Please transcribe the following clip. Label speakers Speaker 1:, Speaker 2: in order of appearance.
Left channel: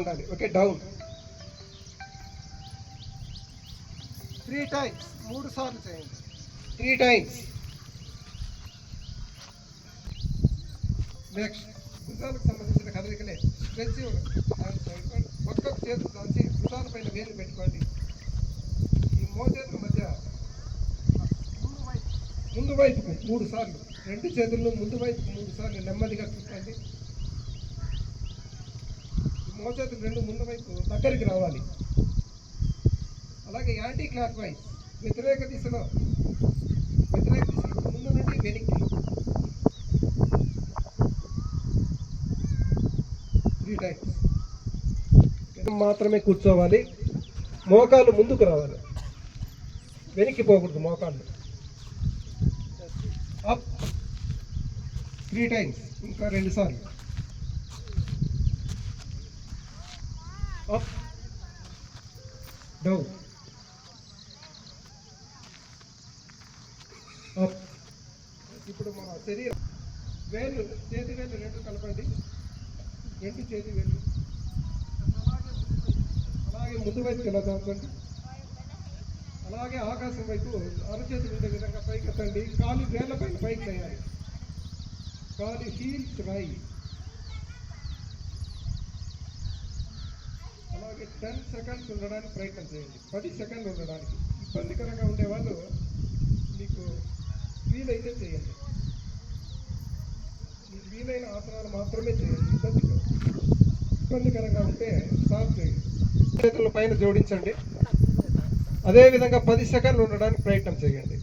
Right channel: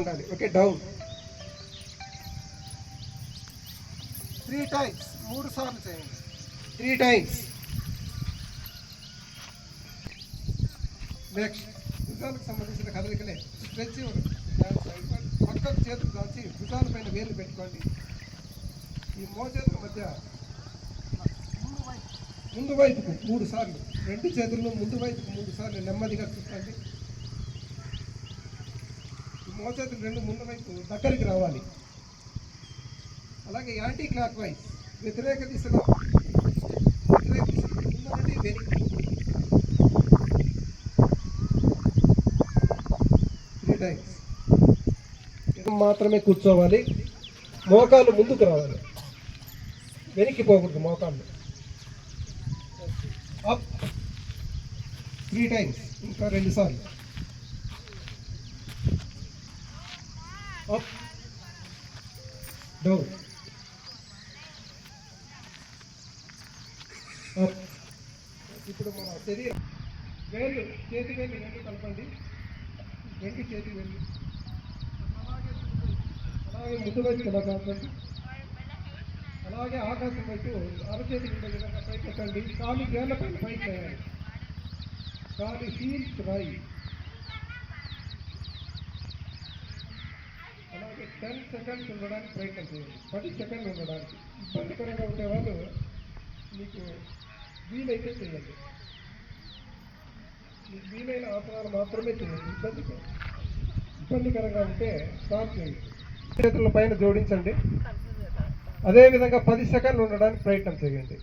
Speaker 1: ఉండాలి. Okay down three times మూడు సార్లు చేయండి. త్రీ టైమ్స్ నెక్స్ట్ భుజాలకు సంబంధించిన కదలికలే. స్ట్రెచ్ పక్కన చేతులు దాచి భుజాల పైన వేలు పెట్టుకోండి. ఈ మోచేతుల మధ్య ముందు వైపుకు మూడు సార్లు రెండు చేతుల్లో ముందు వైపుకు మూడు సార్లు నెమ్మదిగా చూసుకోండి. మోచేతులు రెండు ముందు వైపు దగ్గరికి రావాలి. అలాగే యాంటీ క్లాక్ వైజ్ వ్యతిరేక దిశలో వ్యతిరేక దిశ ముందు నుండి వెనక్కి. త్రీ టైమ్స్ మాత్రమే కూర్చోవాలి. మోకాలు ముందుకు రావాలి. వెనక్కి పోకూడదు మోకాళ్ళు. అప్ త్రీ టైమ్స్ ఇంకా రెండుసార్లు up, down, డౌన్ ఇప్పుడు మన శరీరం. వేలు చేతి వేలు రెండు కలపండి రెండు చేతి వేలు అలాగే ముందు వైపు కలపండి అలాగే ఆకాశం వైపు అరచేతి ఉండే విధంగా పైకి ఎత్తండి కాలి వేళ్ళ పైన పైకి వేయాలి. కాలు హీల్స్ రాయి టెన్ సెకండ్స్ ఉండడానికి ప్రయత్నం చేయండి. పది సెకండ్లు ఉండడానికి. ఇబ్బందికరంగా ఉండేవాళ్ళు మీకు వీలైతే చేయండి. మీకు వీలైన ఆసనాలు మాత్రమే చేయండి. ఇబ్బంది ఇబ్బందికరంగా ఉంటే స్టాప్ చేయండి. చేతుల పైన జోడించండి. అదేవిధంగా పది సెకండ్లు ఉండడానికి ప్రయత్నం చేయండి.